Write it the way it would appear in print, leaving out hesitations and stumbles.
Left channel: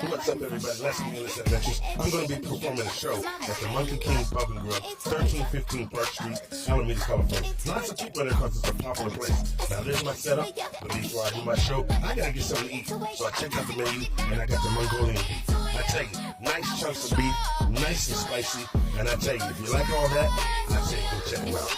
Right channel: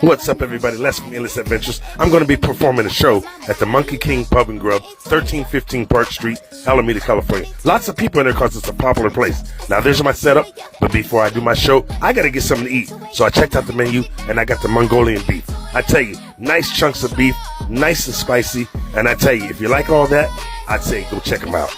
What's up, everybody? Les from Endless Adventures. I'm going to be performing a show at the Monkey King Pub and Grub, 1315 Park Street, Alameda, California. Lots of people in there because it's a popular place. Now, there's my setup, but before I do my show, I got to get something to eat. So I checked out the menu, and I got the Mongolian beef. I tell you, nice chunks of beef, nice and spicy. And I tell you, if you like all that, I'd say go check them out.